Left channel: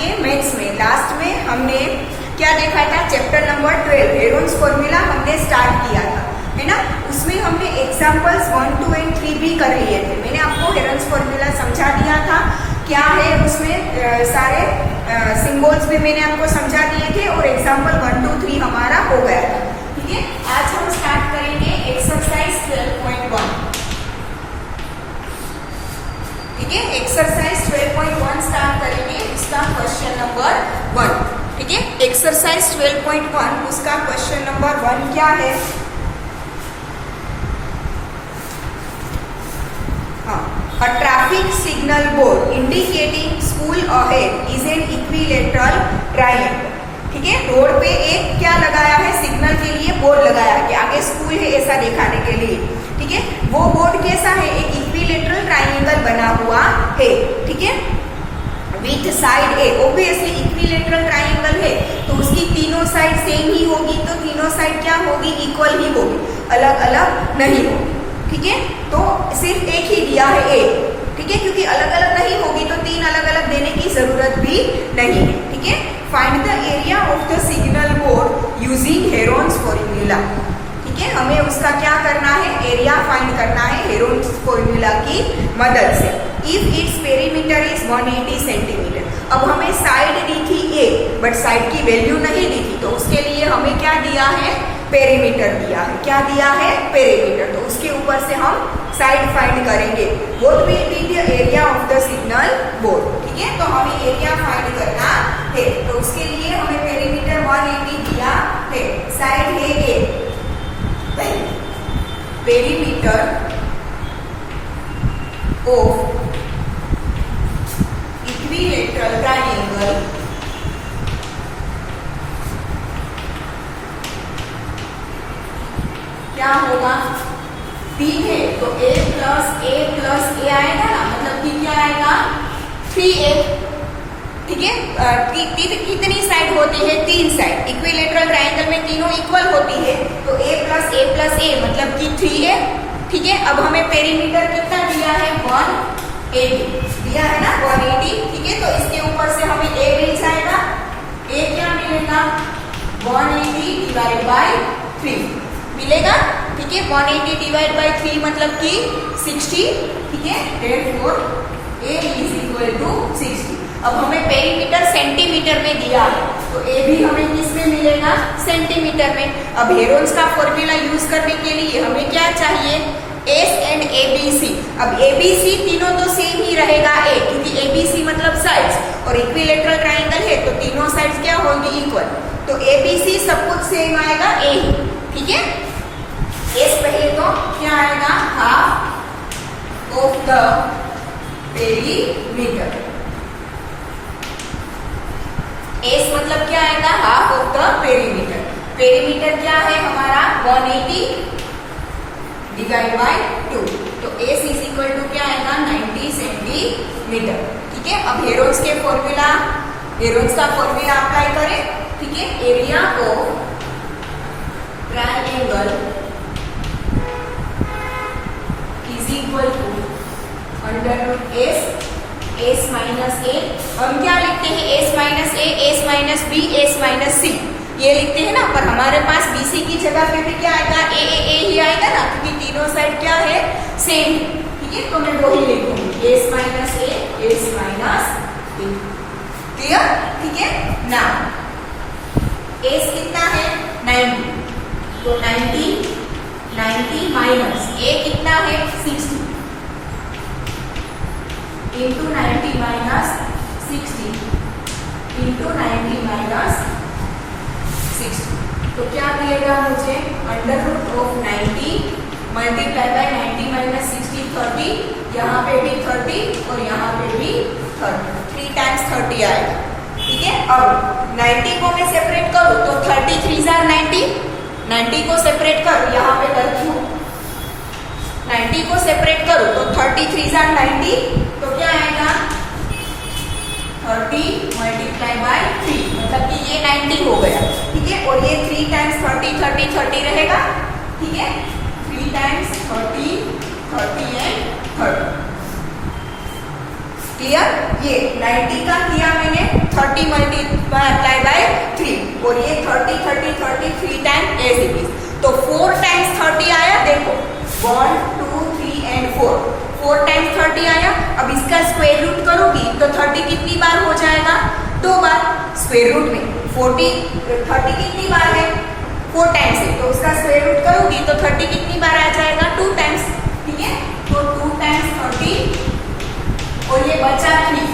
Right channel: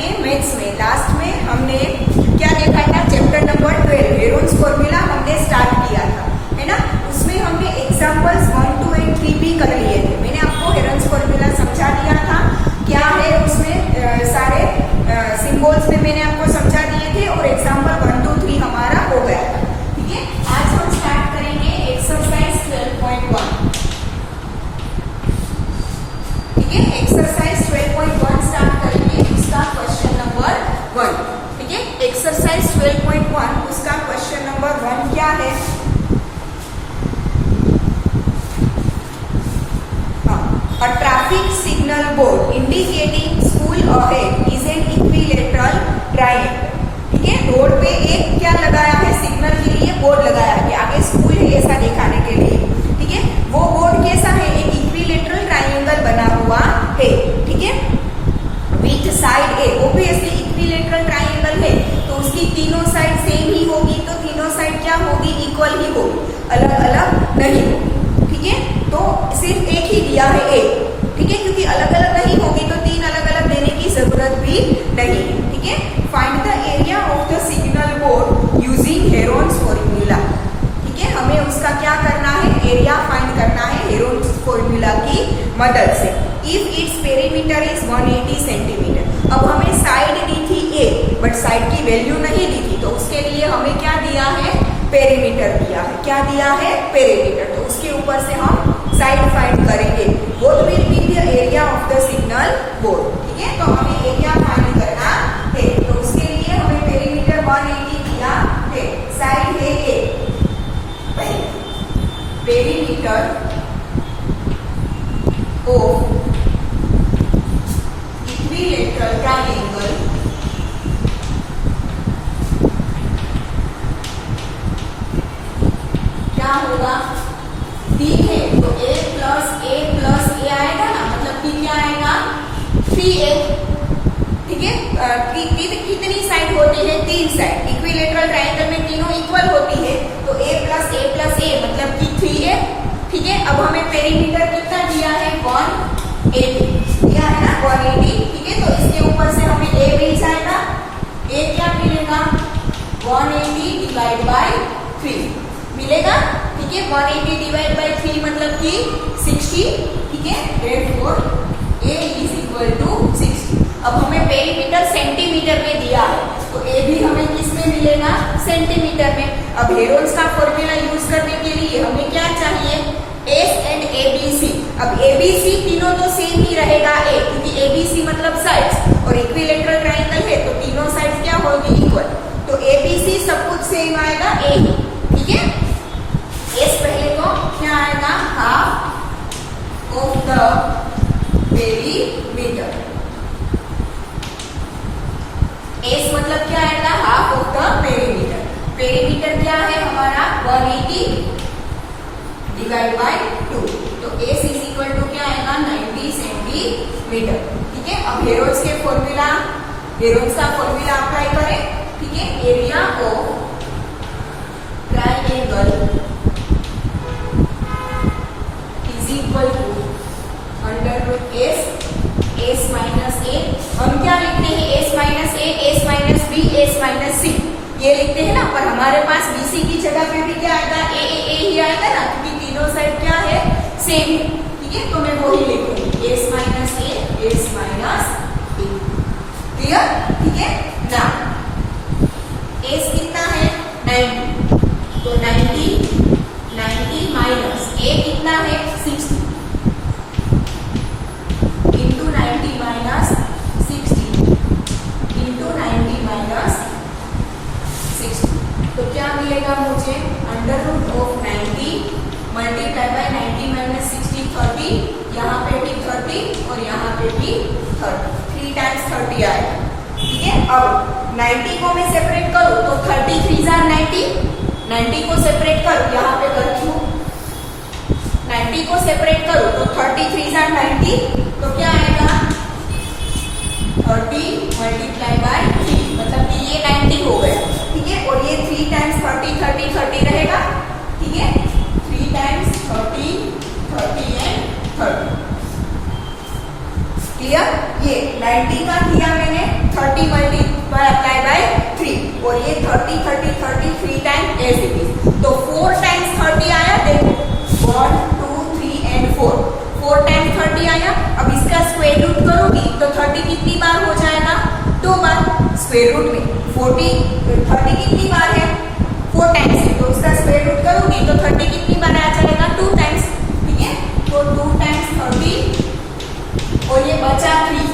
के मैथ्स में लास्ट में हमने क्या देखा था, चैप्टर नंबर 12 हेरोन्स फॉर्मूला हमने स्टार्ट किया था, है ना। उसमें हमने एग्जाम्पल्स 1, 2 और 3 भी कर लिए थे। मैंने आपको हेरोन्स फॉर्मूला समझा दिया था, क्या है उसमें सारे सिंबल्स भी मैंने आपको समझा दिए थे और एग्जाम्पल 1, 2, 3 हमारा हो गया था। ठीक है, आज हम स्टार्ट करेंगे एक्सरसाइज 12.1। ठीक है, एक्सरसाइज 12.1 स्टार्ट करेंगे, उसका क्वेश्चन नंबर 1। ठीक है, एक्सरसाइज 12.1 उसका क्वेश्चन नंबर 1 क्या है। A traffic signal board indicating school ahead is an equilateral triangle। ठीक है, रोड पे एक क्या लगाया है, सिग्नल के लिए बोर्ड लगाया है कि आगे स्कूल है ऐसा दिखाने के लिए। ठीक है, वो बोर्ड कैसा है, एक इक्विलेटरल ट्राइंगल बना हुआ है। ठीक है, with side A, obviously equilateral triangle है तो उसकी तीनों साइड सेम ही होगी, तो तीनों साइड क्या होगी, इक्वल ही होगी, अलग अलग नहीं होगी। ठीक है, तो सिर्फ एक ही दिया है ए। ठीक है, क्योंकि अलग अलग नहीं होगी तो 3 अलग अलग देने की जरूरत भी नहीं है। ठीक है, find the area of the signal board using Heron's formula. ठीक है, हमें उसका क्या करना है, एरिया फाइंड करना है हेरोन्स फॉर्मूला की मदद से। If its perimeter is 180 centimetre. अब हमें साइड दी थी ए, बट साइड की वैल्यू नहीं दी थी, तो उसके लिए हमें क्या दिया है, पेरीमीटर दिया है। क्या दिया है, पेरीमीटर। तो उसके ऊपर से हम साइड फाइंड करेंगे। What will be the area of the signal board. ठीक है, तो हमें एरिया फाइंड करना है, तो उसके लिए हमें पेरीमीटर 180 दिया है, साइड है ए, पेरीमीटर ऑफ इक्विलेटरल ट्रायंगल क्या होगा, डी है तो a प्लस ए आएगा ना, मतलब कि क्या आएगा, 3a। ठीक है, कितनी साइड होती है, 3 साइड। इक्विलेटरल ट्रायंगल में तीनों इक्वल होती है, तो a प्लस ए मतलब कि 3a। ठीक है, अब हमें पेरीमीटर कितना दिया है, 180 दिया है ना, 180। ठीक है, तो इसके ऊपर से हमें a मिल जाएगा, a क्या मिलेगा, 180 डिवाइड बाई 3 मिलेगा। ठीक है, 180 डिवाइड बाई 3 मतलब कि 60। ठीक है, therefore a is equal to 60। अब हमें पेरीमीटर सेंटीमीटर में दिया है, तो a भी हमें किस में मिलेगा, सेंटीमीटर में। अब हेरोन्स का फॉर्मूला यूज करने के लिए हमें क्या चाहिए, s एंड abc। अब abc तीनों तो सेम ही रहेगा a, क्योंकि abc मतलब साइड्स, और इक्विलेटरल ट्रायंगल है तो तीनों साइड्स क्या होगी, इक्वल। तो abc सब कुछ सेम आएगा a ही। ठीक है, एस पहले तो क्या आएगा, half of the perimeter. S मतलब क्या आएगा, half of the perimeter. Perimeter क्या है हमारा, 180 डिवाइड बाय 2, तो एस इज इक्वल टू क्या आएगा, 90 सेंटीमीटर। ठीक है, अब हेरोन्स के फॉर्मूला, हेरोन्स का फॉर्मूला अप्लाई करें। ठीक है, area of triangle equal to under root S minus A. हम क्या लिखते हैं, S minus A, S minus B, S minus C, ये लिखते हैं ना। पर हमारे पास बीसी की जगह पे भी क्या आएगा, ए ही आएगा ना, क्योंकि तीनों साइड क्या है, सेम। ठीक है, तो मैं वही लिखूंगी, S minus A, S minus B. Clear. ठीक है ना, एस कितना है, 90, तो 90 माइनस ए कितना है, 60 इंटू 90 माइनस 60 इंटू 90 माइनस 60, तो क्या मिलेगा मुझे, under root of 90 multiply by 90 minus 60, 30। यहाँ पे भी 30 और यहाँ पे भी 30, 3 टाइम्स 30 आएगा। ठीक है, अब 90 को मैं सेपरेट करूँ तो 30 3 जार 90 को सेपरेट कर, यहाँ पे करती हूँ, 90 को सेपरेट करूँ तो 33 जार 90, तो क्या आएगा, 30 मल्टीप्लाई बाय 3, मतलब कि ये 90 हो गया। ठीक है, और ये 3 टाइम्स 30 रहेगा। ठीक है, 3 टाइम्स 30 एंड 30। क्लियर। ये 90 का किया मैंने, 30 30 30 30 3 टाइम एज इट इज। तो 4 टाइम्स 30 आया, देखो 1 2 3 एंड 4 टाइम्स 30 आया। अब इसका स्क्वायर रूट करोगी तो 30 कितनी बार हो जाएगा? 2 बार। स्क्वायर रूट में 30 कितनी बार है? 4 टाइम्स है, तो उसका स्क्वायर रूट करोगी तो 30 कितनी बार आ जाएगा? 2 टाइम्स। ठीक है, तो 2 टाइम्स 30 और ये बचा 3,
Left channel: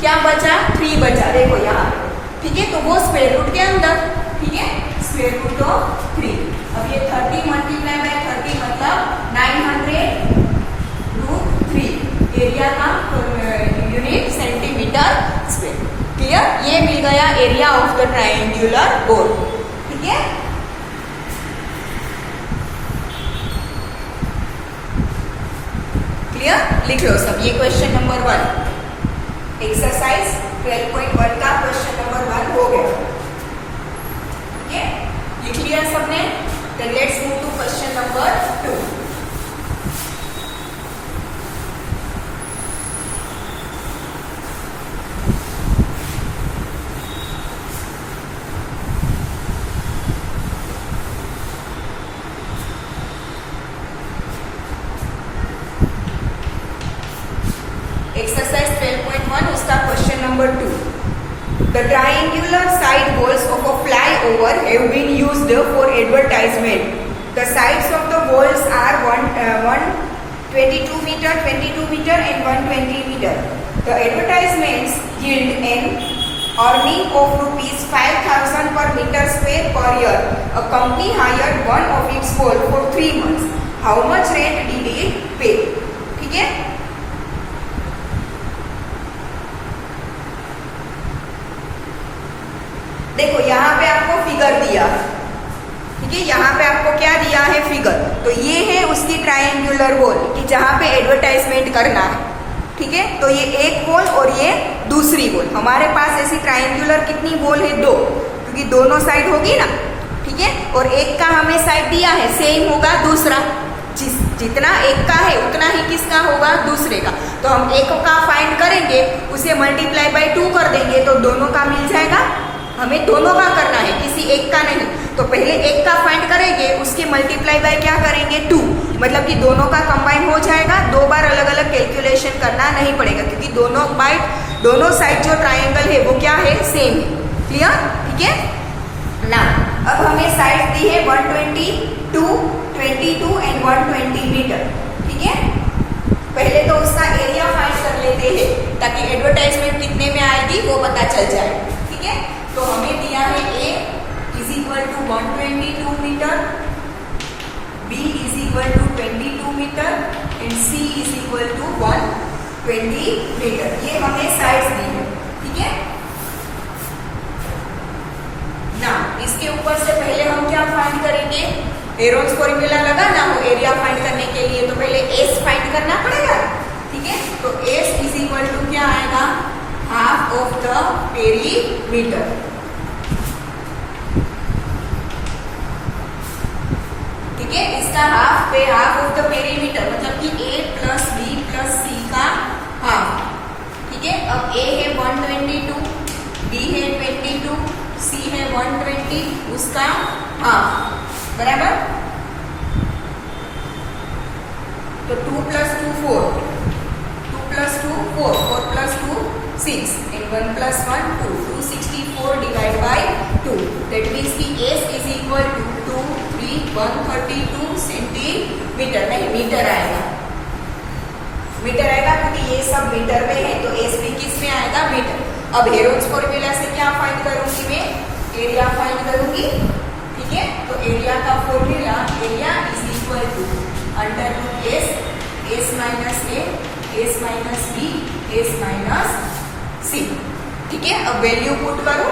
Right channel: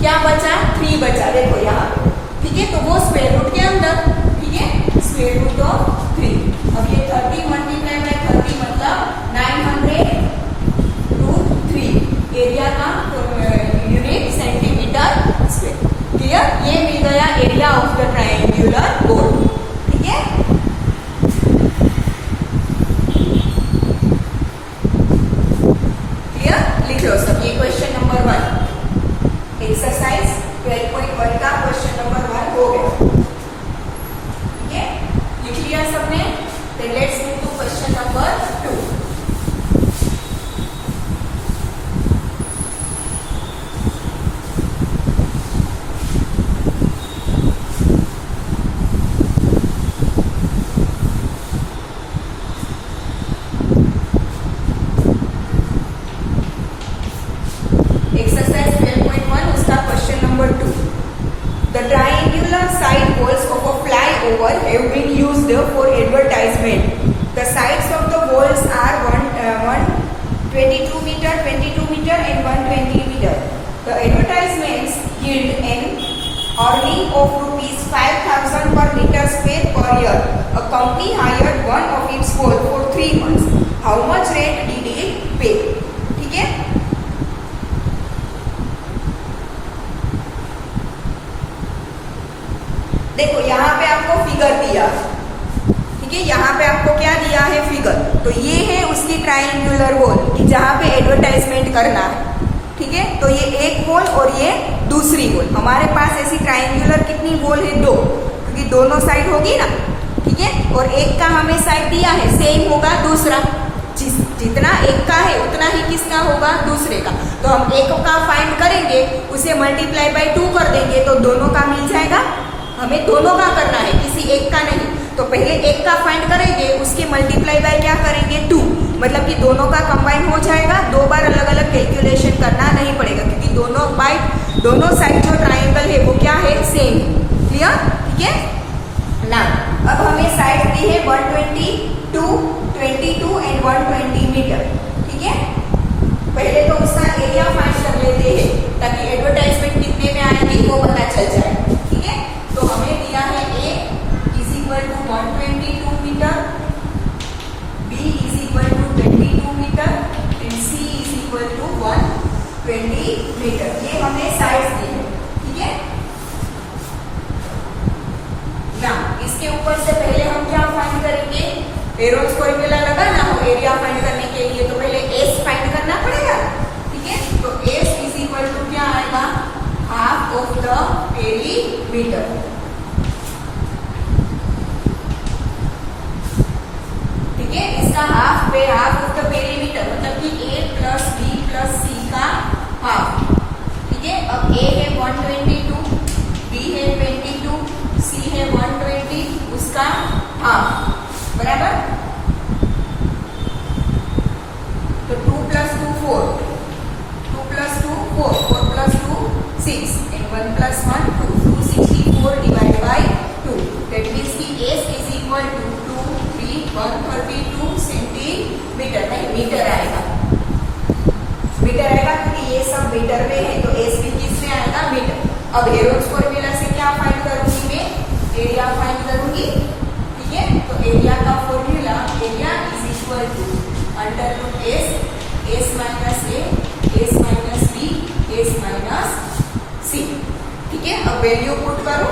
क्या बचा? 3 बचा, देखो यहाँ पे। ठीक है, तो वो स्क्वायर रूट के अंदर, ठीक है, स्क्वायर रूट ऑफ 3। अब ये 30 मल्टीप्लाई बाय 30 मतलब 900 टू 3 एरिया का यूनिट सेंटीमीटर स्क्वायर। क्लियर? ये मिल गया area of the triangular board. ठीक है, क्लियर? लिख लो सब। ये क्वेश्चन नंबर 1, एक्सरसाइज 12.1 का क्वेश्चन नंबर 1 हो गया। ठीक है, लिख लिया सबने? Then let's move to question number 2. Exercise 12.1 उसका question number 2. The triangular side walls of a flyover have been used for advertisement. The sides of the walls are 122 meter, 22 meter and 120 meter. The advertisements yield an earning of rupees 5,000 per meter square per year. A company hired one of its wall for 3 months. How much rent did it pay? ठीक है, देखो यहाँ पे आपको figure दिया। ठीक है, यहाँ पे आपको क्या दिया है? फिगर। तो ये है उसकी ट्रायंगुलर वॉल कि जहाँ पे एडवर्टाइजमेंट करना है। ठीक है, तो ये एक वॉल और ये दूसरी वॉल। हमारे पास ऐसी ट्रायंगुलर कितनी वॉल है? 2, क्योंकि दोनों साइड होगी ना। ठीक है, और एक का हमें साइड दिया है, सेम होगा दूसरा। जितना एक का है उतना ही किसका होगा? दूसरे का। तो हम एक का फाइंड करेंगे, उसे मल्टीप्लाई बाय 2 कर देंगे तो दोनों का मिल जाएगा। हमें दोनों का करना है, किसी एक का नहीं। तो पहले एक का फाइंड करेंगे, उसके मल्टीप्लाई बाय क्या करेंगे? 2, मतलब कि दोनों का कंबाइन हो जाएगा। 2 बार अलग अलग कैलकुलेशन करना नहीं पड़ेगा, क्योंकि दोनों साइड जो ट्रायंगल है वो क्या है? सेम है। क्लियर? ठीक है ना। अब हमें साइड दी है 122, 22 एंड 120 मीटर। ठीक है, पहले तो उसका एरिया फाइंड कर लेते हैं ताकि एडवर्टाइजमेंट कितने में आएगी वो पता चल जाए। ठीक है, तो हमें दिया है A is equal to 122 metre, B is equal to 22 metre and C is equal to 120 metre. ये हमें साइड्स दी है। ठीक है ना। इसके ऊपर से पहले हम क्या फाइंड करेंगे? एरोज फॉर्मूला लगाना हो एरिया फाइंड करने के लिए, तो पहले S फाइंड करना पड़ेगा। ठीक है, तो S इज इक्वल टू क्या आएगा? Half of the perimeter. ठीक है, इसका हाफ ऑफ द पेरीमीटर मतलब कि A plus B plus C का हाफ। ठीक है, अब A है 122, B है 22, C है 120, उसका हाफ, बराबर। तो 2 plus 2 4, 2 plus 2 4, 4 plus 2 6 and 1 plus 1 2, 264 divided by 2. That means कि S is equal to 2 3 132 centimetre, नहीं मीटर आएगा। मीटर आएगा क्योंकि ये सब मीटर में है, तो S भी किस में आएगा? मीटर। अब हेरोज फॉर्मूला से क्या फाइंड करूंगी मैं? एरिया फाइंड करूंगी। ठीक है, तो एरिया का formula, area is equal to under root S minus A, S minus B, S minus C। ठीक है, अब वैल्यू पुट करो।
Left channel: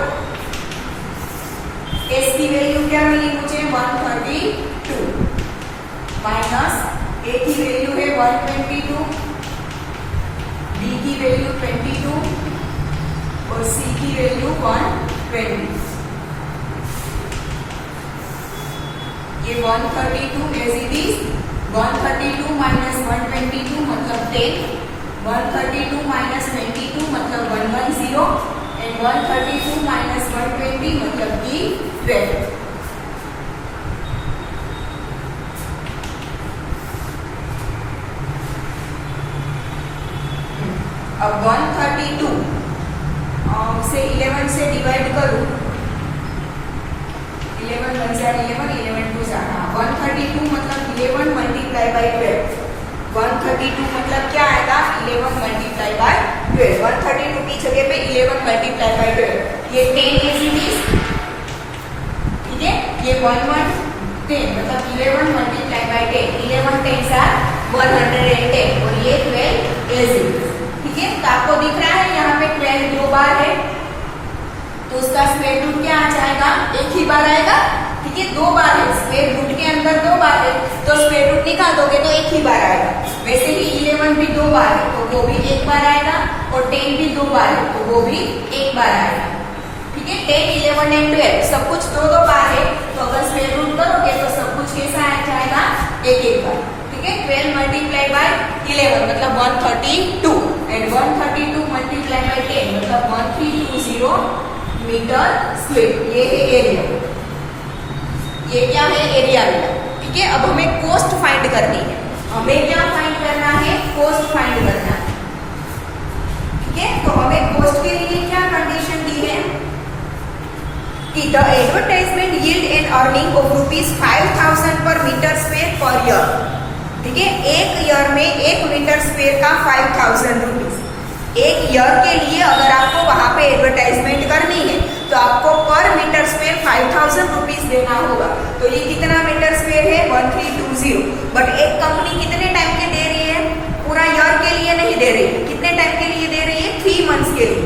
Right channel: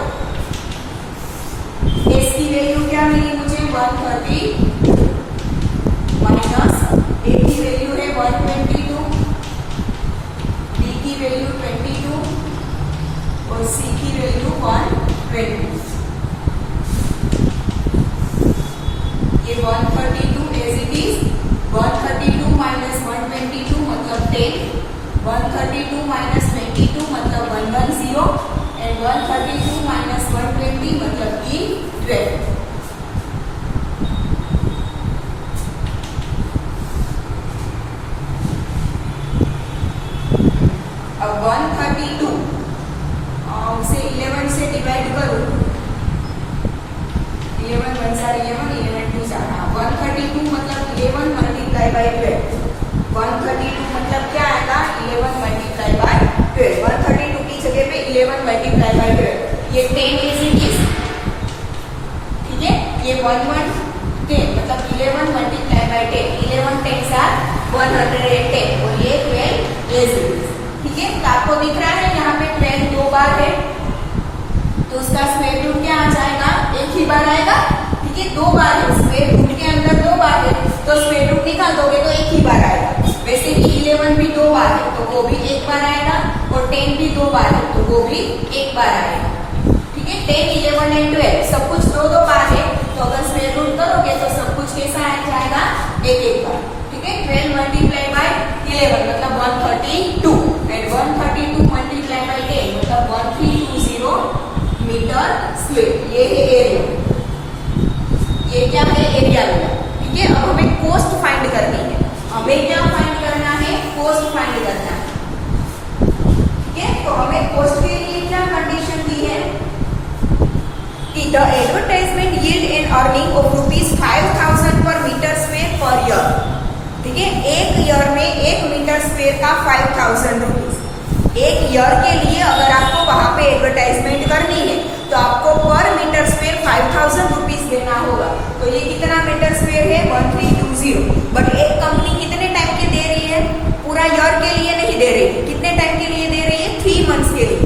S की वैल्यू क्या मिली मुझे? 130 माइनस A की वैल्यू है 122, B की वैल्यू 22 और C की वैल्यू 120। ये 132 एज इट इज, 132 माइनस 122 मतलब 10, 132 माइनस 22 मतलब 110 एंड 132 माइनस 120 मतलब कि 12। डिवाइड करूं, 11 1 जार 11, 11 2 जार 132 मतलब 11 मल्टीप्लाई बाय 12। 132 मतलब क्या आएगा, 11 मल्टीप्लाई बाय 12। 132 की जगह पे 11 मल्टीप्लाई बाय 12, ये 10 इज इट इज, ठीक है। ये 1 1 10 मतलब 11 मल्टीप्लाई बाय 10, 11 10 आर 110 और ये 12 इज इट इज, ठीक है। तो आपको दिख रहा है यहाँ पे 12 दो बार है, तो उसका स्क्वायर रूट क्या आ जाएगा, एक ही बार आएगा, ठीक है। दो बार है, स्क्वायर रूट के अंदर दो बार है, तो स्क्वायर रूट निकाल दोगे तो एक ही बार आएगा। वैसे ही 11 भी दो बार है तो वो भी एक बार आएगा, और 10 भी दो बार है तो वो भी एक बार आएगा, ठीक है। 10 11 एंड 12 सब कुछ दो दो बार है, तो अगर स्क्वायर रूट करोगे तो सब कुछ कैसा आ जाएगा, एक एक बार, ठीक है। 12 मल्टीप्लाई बाय 11 मतलब 132 एंड 132 मल्टीप्लाई बाय 10 मतलब 1320 मीटर स्क्वायर। ये है एरिया, ये क्या है, एरिया लिया, ठीक है। अब हमें कोस्ट फाइंड करनी है, हमें क्या फाइंड करना है, कोस्ट फाइंड करना है, ठीक है। तो हमें कोस्ट के लिए क्या कंडीशन दी है कि the advertisement yield an earning of ₹5000 पर मीटर स्क्वायर पर ईयर, ठीक है। एक ईयर में 1 मीटर स्क्वायर का 5000 रुपीज। एक ईयर के लिए अगर आपको वहां पे एडवर्टाइजमेंट करनी है तो आपको पर मीटर स्क्वायर 5000 रुपीज देना होगा। तो ये कितना मीटर स्क्वायर है, 1320। बट एक कंपनी कितने टाइम के दे रही है, पूरा ईयर के लिए नहीं दे रही है, कितने टाइम के लिए दे रही है, 3 मंथ्स के लिए।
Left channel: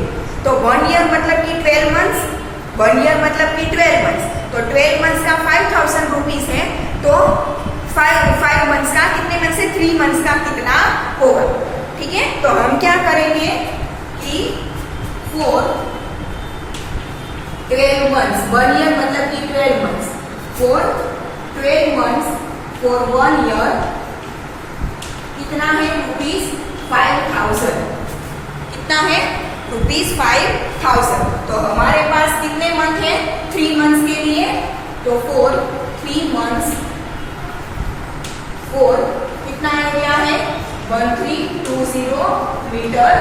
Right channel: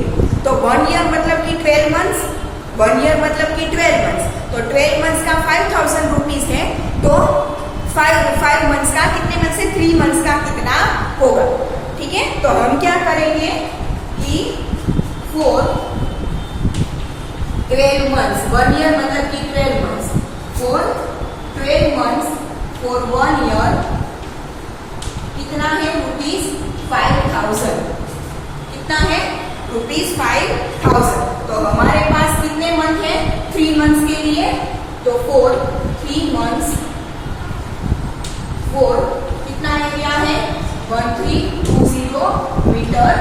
तो 1 ईयर मतलब कि 12 मंथ्स, 1 ईयर मतलब कि 12 मंथ्स, तो 12 मंथ्स का 5000 रुपीज है, तो 5 मंथ्स का कितने मंथ से 3 मंथ्स का कितना होगा, ठीक है। तो हम क्या करेंगे कि 4 12 मंथ्स, 1 ईयर मतलब कि 12 मंथ्स, 4 12 मंथ्स फॉर 1 ईयर कितना है, ₹5000, कितना है, ₹5000। तो हमारे पास कितने मंथ है, 3 मंथ्स के लिए, तो 3 मंथ्स 4 कितना एरिया है, 1320 metre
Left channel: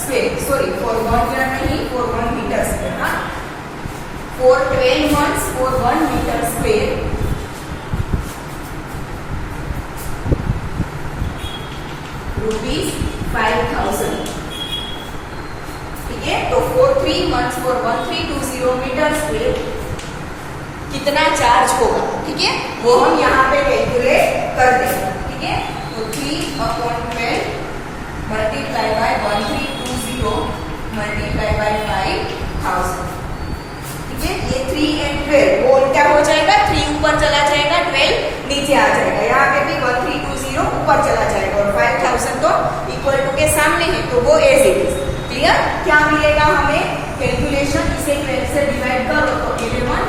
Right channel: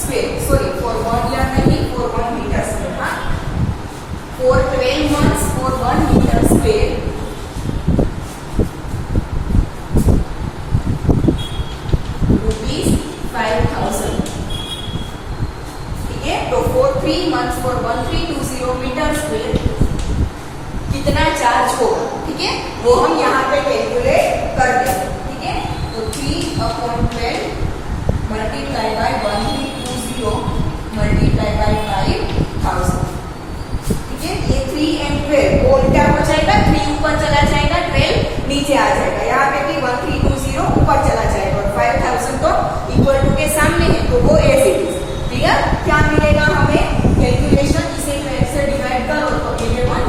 square, sorry for 1 year नहीं, फॉर 1 मीटर स्क्वायर, हाँ। For 12 months for 1 metre square ₹5000, ठीक है। तो for 3 months for 1320 metre square कितना चार्ज होगा, ठीक है, वो हम यहाँ पे कैलकुलेट कर देंगे, ठीक है। तो 3/12 मल्टीप्लाई बाय 1320 मल्टीप्लाई बाय 5000, ठीक है। ये 3 एंड 12 वो क्या हो जाएगा, 3 ऊपर चला जाएगा, 12 नीचे आ जाएगा, यहाँ पे भी 1320 ऊपर चला जाएगा, और 5000 तो इक्वल टू के सामने है, तो वो एज इट इज, क्लियर। क्या मिलेगा हमें, कैलकुलेशन, इसे 12 से डिवाइड करो तो 11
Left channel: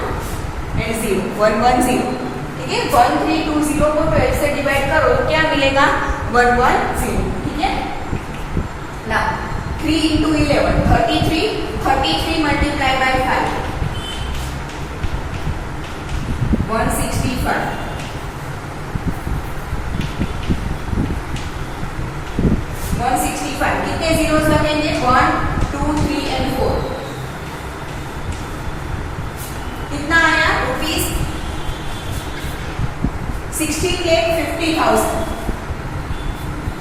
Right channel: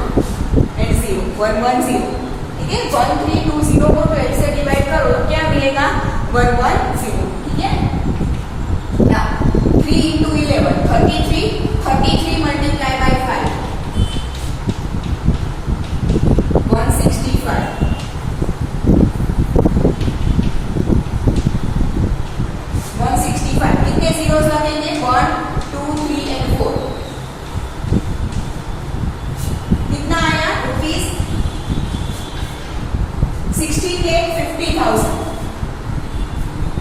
एंड 0 110, ठीक है। 1320 को 12 से डिवाइड करो तो क्या मिलेगा, 110, ठीक है ना। 3 into 11 33 मल्टीप्लाई बाय 5 165, 165 कितने जीरोस लगेंगे, 1 2 3 एंड 4, कितना आया, ₹16,50,000,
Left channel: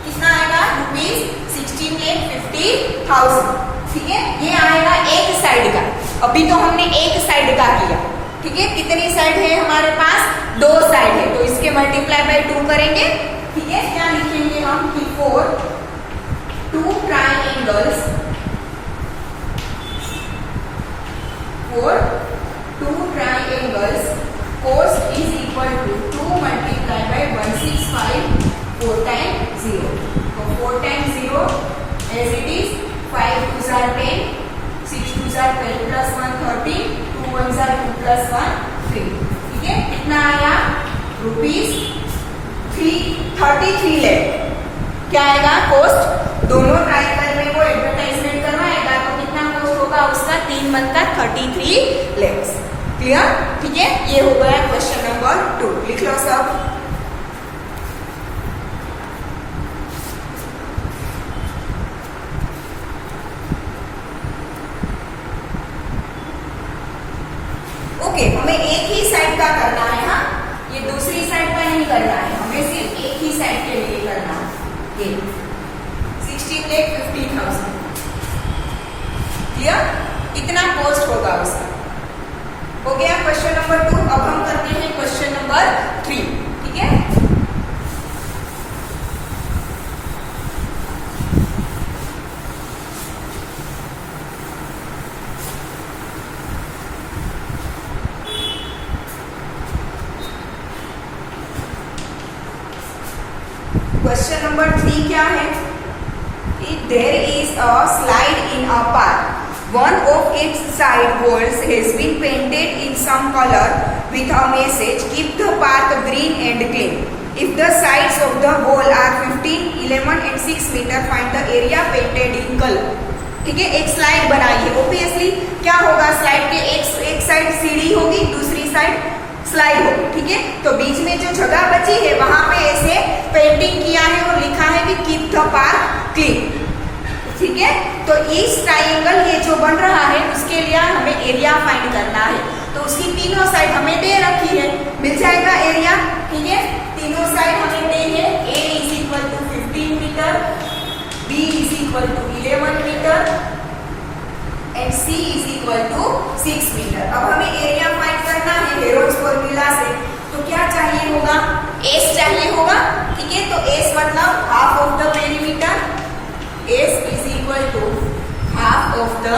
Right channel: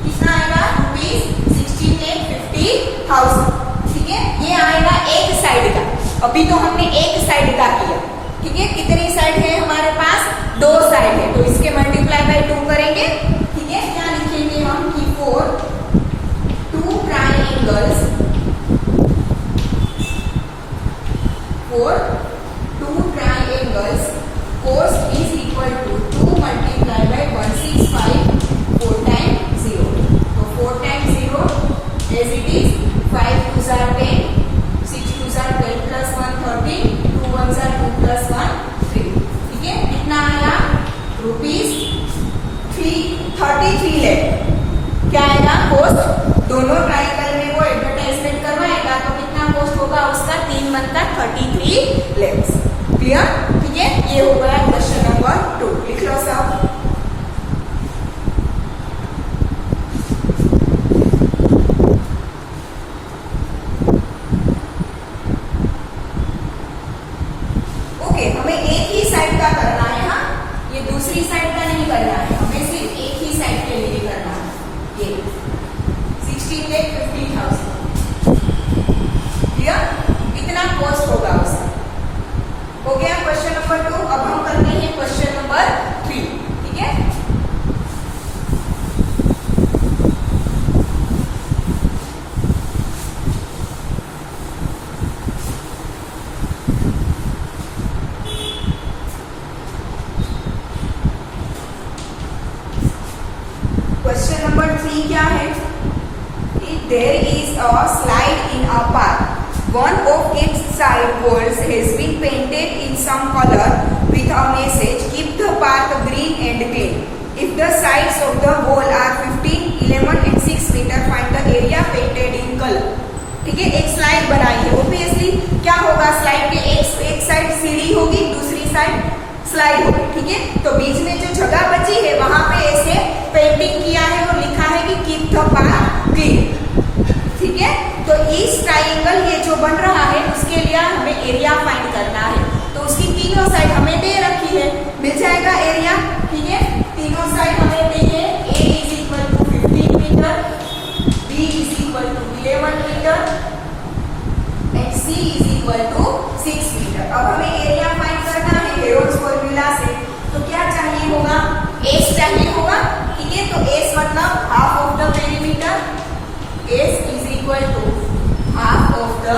कितना आएगा, ₹16,50,000, ठीक है। ये आएगा एक साइड का, अभी तो हमने एक साइड का किया, ठीक है। कितनी साइड है हमारे पास, 2 साइड है, तो इसके मल्टीप्लाई बाय 2 करेंगे, ठीक है। क्या लिखेंगे हम कि 4 2 triangles, 4 2 triangles cost is equal to 2 multiplied by 165 4 times 0. So 4 times 0 as it is 5 2s are 10, 6 2s are 12 plus 1 13, 2 1s are 2 plus 1 3, ठीक है। कितना आया, ₹33 लाख। क्या आएगा कोस्ट, दोनों ट्रायंगल में वो एडवर्टाइजमेंट करवाएगा तो कितना कोस्ट होगा उसका, 3 मंथ का 33 लाख, क्लियर, ठीक है। ये हो गया क्वेश्चन नंबर 2, लिख लो सब। हमें एक ही साइड का करना है। हाँ, ये दूसरी साइड का नहीं करना है, हमें सिर्फ एक ही साइड के लिए करना है। ये 16,50,000 क्लियर, इतना कॉस्ट होगा उसका। हो गया क्वेश्चन नंबर 2। अब हम करते हैं क्वेश्चन नंबर 3। ठीक है, क्वेश्चन नंबर 3 क्या है? There is a slide in a park. One of its side walls has been painted in some color with a message, "Keep the park green and clean." If the sides of the wall are 15, 11 and 6 meter, find the area painted in color. ठीक है, एक slide बनाई है। Obviously क्या होगा, slide के एक side सीढ़ी होगी, दूसरी साइड स्लाइड होगी। ठीक है, तो बीच में जो जगह बची है वहां पे ऐसे पेंटिंग किया है और लिखा है कि कीप द पार्क क्लीन। ठीक है, तो इस ट्राइंगल ये जो बन रहा है उसके लिए हमें एरिया फाइंड करना है। तो उसकी तीनों साइड हमें दे रखी है, मिल जाएगा एरिया। ठीक है, तीनों साइड हमें दे है। A is equal to 15 metre, B is equal to 11 metre and C is equal to 6 metre. अब हमें एरिया फाइंड करना है हेरोल्ड्स फॉर्मूला से। तो क्या चाहिए होगा, एस चाहिए होगा। ठीक है, तो एस मतलब half of the perimeter. S is equal to half of the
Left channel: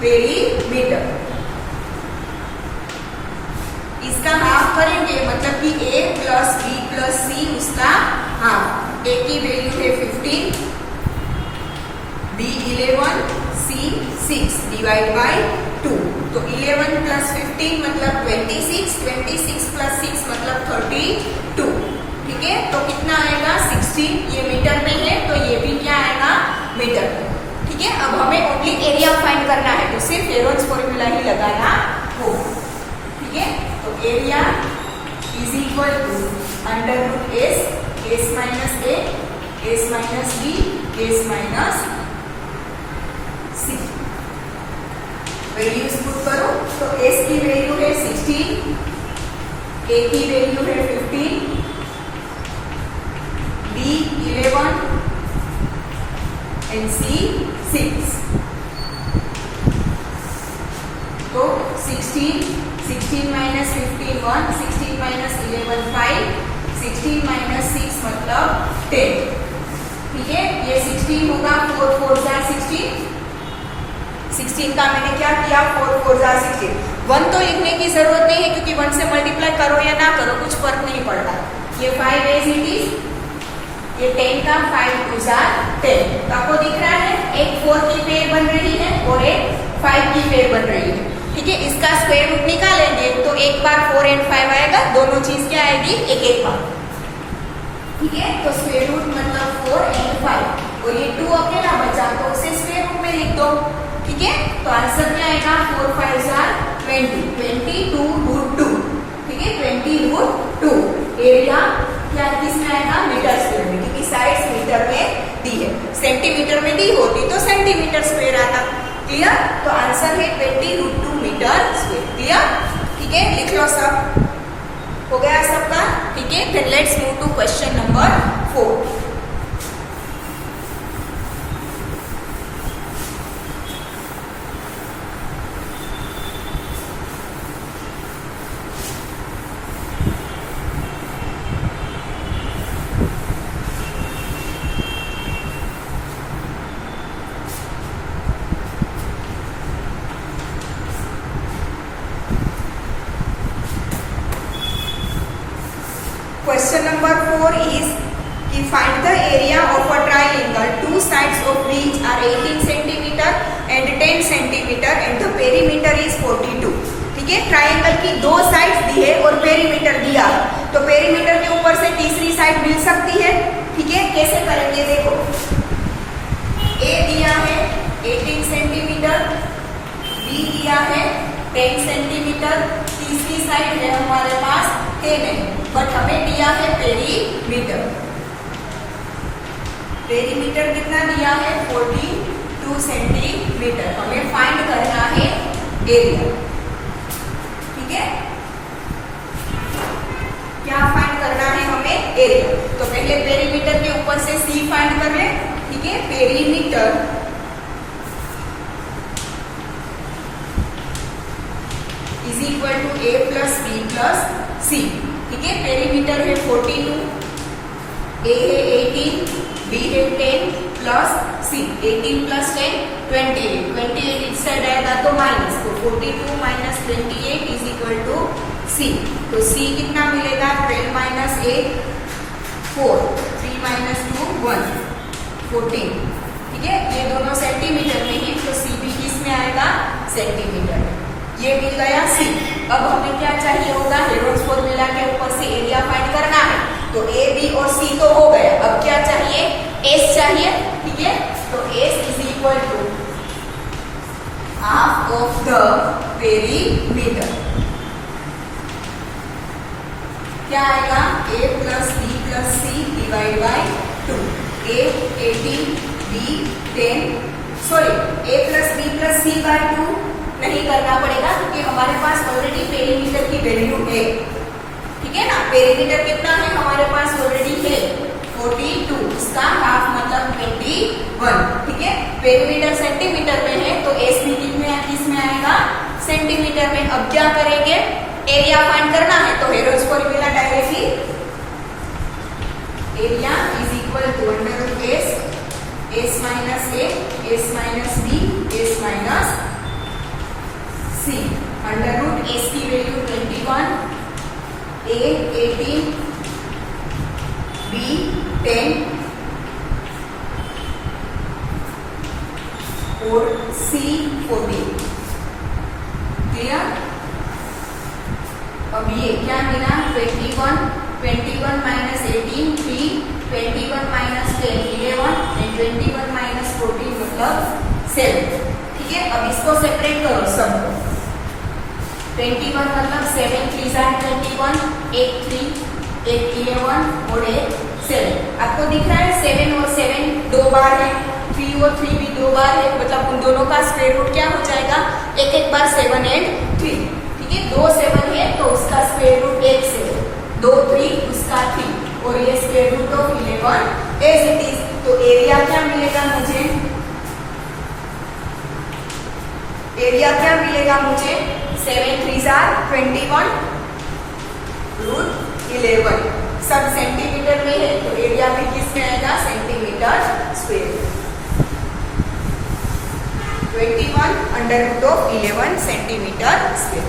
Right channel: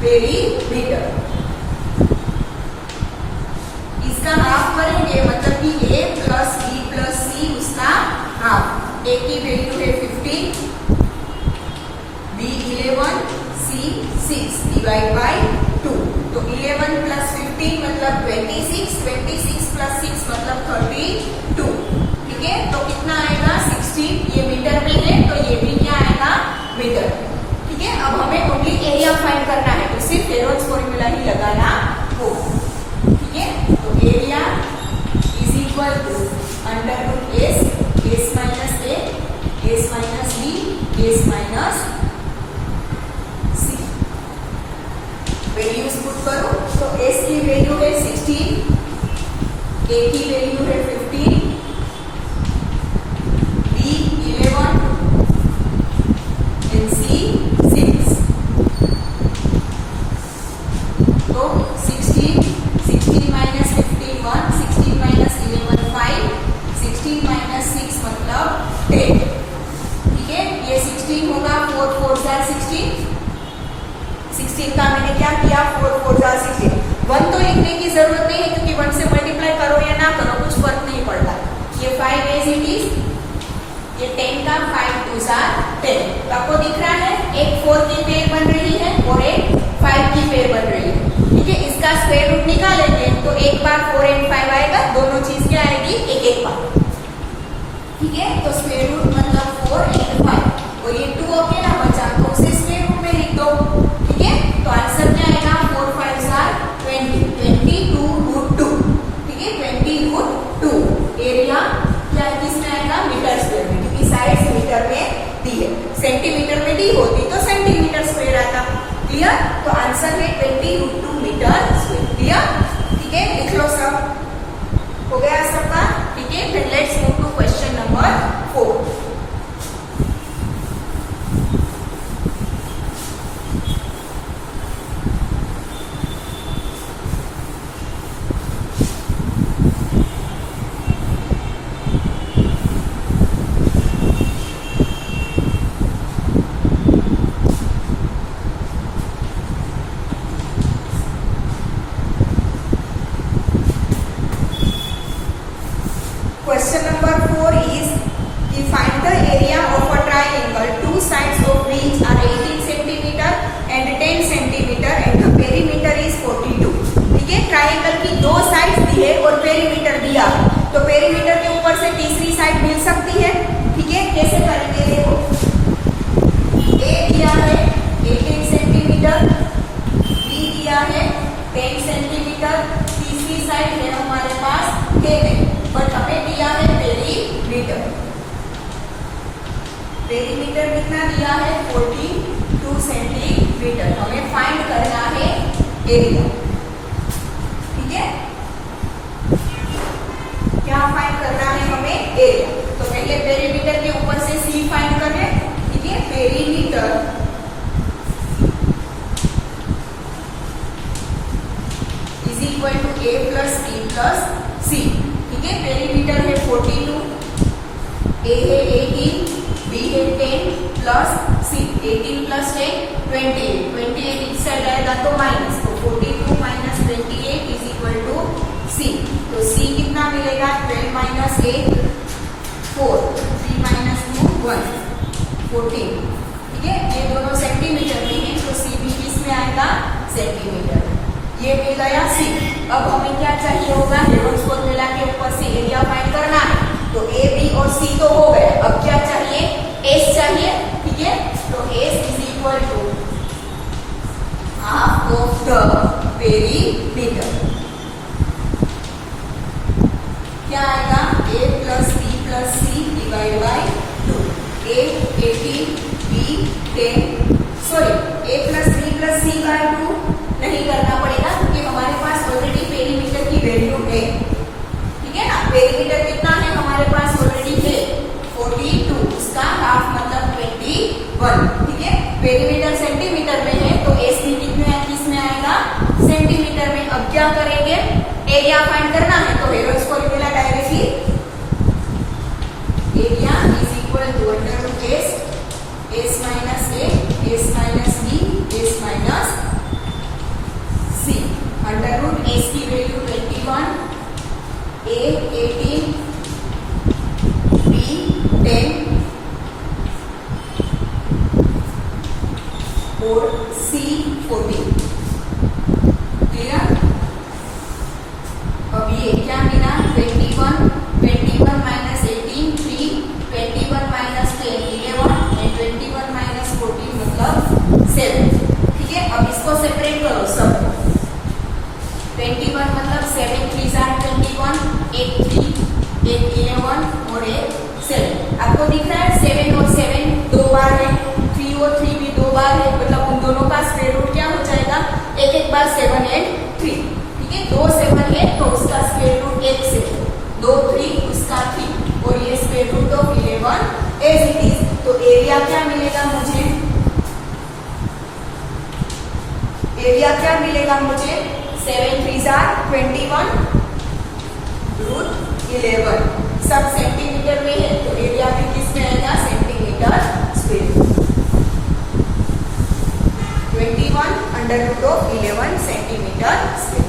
perimeter. इसका हाफ करेंगे मतलब कि A plus B plus C उसका हाफ। A की वैल्यू है 15, B 11, C 6 डिवाइड बाई 2। तो 11 प्लस 15 मतलब 26, 26 प्लस 6 मतलब 32। ठीक है, तो कितना आएगा 16। ये मीटर में है तो ये भी क्या आएगा, मीटर। ठीक है, अब हमें ओनली एरिया फाइंड करना है, तो सिर्फ हेरोल्ड्स फॉर्मूला ही लगाना होगा। ठीक है, तो area is equal to under root S minus A, S minus B, S minus C. Values put करो तो एस की वैल्यू है 16, ए की वैल्यू है 15, बी 11 एंड सी 6। तो 16 माइनस 15 1, 16 माइनस 11 5, 16 माइनस 6 मतलब 10। ठीक है, ये 16 होगा, 4 4 जार 16। 16 का मैंने क्या किया, 4 4 जार 16। 1 तो लिखने की जरूरत नहीं है क्योंकि 1 से मल्टीप्लाई करो या ना करो कुछ फर्क नहीं पड़ता। ये 5 एज इट इज, ये 10 का 5 2 जार 10। तो आपको दिख रहा है एक 4 की पेयर बन रही है और एक 5 की पेयर बन रही है। ठीक है, इसका स्क्वायर रूट निकालेंगे तो एक बार 4 एंड 5 आएगा, दोनों चीज क्या आएगी, एक बार। ठीक है, तो स्क्वायर रूट मतलब 4 एंड 5 और ये 2 अकेला बचा तो उसे स्क्वायर रूट में लिख दो। ठीक है, तो आंसर क्या आएगा, 4 5 जार 20, 22 रूट 2। ठीक है, 20 रूट 2। एरिया क्या किसमें आएगा, मीटर स्क्वायर में, क्योंकि साइड्स मीटर में दी है। सेंटीमीटर में दी होती तो सेंटीमीटर स्क्वायर आता। क्लियर, तो आंसर है 20 रूट 2 मीटर स्क्वायर। क्लियर, ठीक है, लिख लो सब। हो गया सबका। ठीक है, फिर let's move to question number 4। Question number 4 is कि find the area of a triangle, two sides of which are 18 centimeter and 10 centimeter and the perimeter is 42। ठीक है, ट्राइंगल की दो साइड दी है और पेरीमीटर दिया है, तो पेरीमीटर के ऊपर से तीसरी साइड मिल सकती है। ठीक है, कैसे करेंगे देखो, ए दिया है 18 सेंटीमीटर, बी दिया है 10 सेंटीमीटर, तीसरी साइड है हमारे पास 10 है, बट हमें दिया है पेरीमीटर। पेरीमीटर कितना दिया है, 42 सेंटीमीटर। हमें फाइंड करना है एरिया। पहले पेरीमीटर के ऊपर से सी फाइंड कर ले, ठीक है। Perimeter is equal to A plus B plus C, ठीक है। पेरीमीटर है 42, ए है 18, बी है 10 प्लस सी, 18 प्लस 10 28, 28 इस साइड आएगा तो माइनस, तो 42 माइनस 28 इज इक्वल टू सी। तो सी कितना मिलेगा, 12 माइनस 8 4, 3 माइनस 2 1, 14, ठीक है। ये दोनों सेंटीमीटर में है तो सी भी किसमें आएगा, सेंटीमीटर। ये मिल गया सी। अब हमें क्या चाहिए होगा, हेरोल्ड्स फॉर्मूला के ऊपर से एरिया फाइंड करना है। तो ए बी और सी तो हो गए, अब क्या चाहिए, एस चाहिए, ठीक है। तो S is equal to half of the perimeter, क्या आएगा, A plus B plus C divide by 2, A 18 B 10, sorry A plus B plus C by 2 नहीं करना पड़ेगा क्योंकि हमारे पास ऑलरेडी पेरीमीटर की वैल्यू है, ठीक है ना। पेरीमीटर कितना है हमारे पास ऑलरेडी है 42, उसका हाफ मतलब 21, ठीक है। पेरीमीटर सेंटीमीटर में है तो एस भी किसमें आएगा, सेंटीमीटर में। अब क्या करेंगे, एरिया फाइंड करना है तो Heron's formula directly, area is equal to under root S minus A, S minus B, S minus C. Under root S की वैल्यू 21, ए 18, बी 10 और सी 14, क्लियर। अब ये क्या मिला, 21 माइनस 18 3, 21 माइनस 10 11 एंड 21 माइनस 14 मतलब 7, ठीक है। अब इसको सेपरेट करो सबको, 21 मतलब 7 3 21, 8 3 8 11 और 8 7। आपको दिख रहा है 7 और 7 दो बार है, 3 और 3 भी दो बार है, मतलब उन दोनों का स्क्वायर रूट क्या हो जाएगा, एक बार 7 एंड 3, ठीक है। 2 7 है तो उसका स्क्वायर रूट 1 से 2 3 उसका 3 और ये square root of 11 as it is. तो एरिया क्या मिलेगा मुझे, एरिया क्या मिलेगा मुझे, 7 3 21 रूट 11, सब सेंटीमीटर में है तो एरिया भी किसमें आएगा, centimetre square. 21 under root of 11 centimetre square,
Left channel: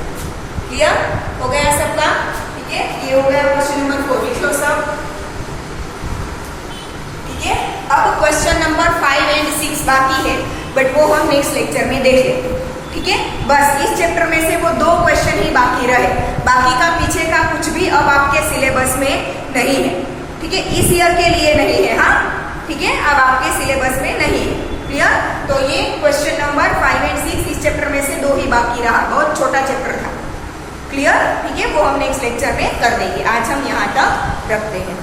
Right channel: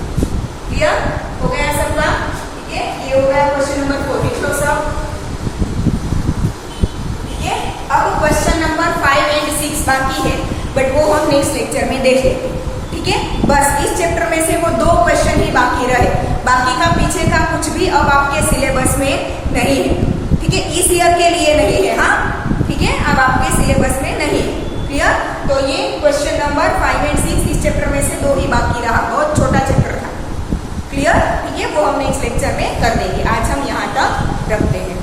clear हो गया सबका, ठीक है। ये हो गया क्वेश्चन नंबर 4, लिख लो सब, ठीक है। अब क्वेश्चन नंबर 5 एंड 6 बाकी है, बट वो हम नेक्स्ट लेक्चर में देखेंगे, ठीक है। बस इस चैप्टर में से वो 2 क्वेश्चन ही बाकी रहे, बाकी का पीछे का कुछ भी अब आपके सिलेबस में नहीं है, ठीक है। इस ईयर के लिए नहीं है, हाँ, ठीक है, अब आपके सिलेबस में नहीं है, क्लियर। तो ये क्वेश्चन नंबर 5 एंड 6 इस चैप्टर में से 2 ही बाकी रहा, बहुत छोटा चैप्टर था, क्लियर, ठीक है। वो हम नेक्स्ट लेक्चर में कर देंगे, आज हम यहाँ तक रखते हैं।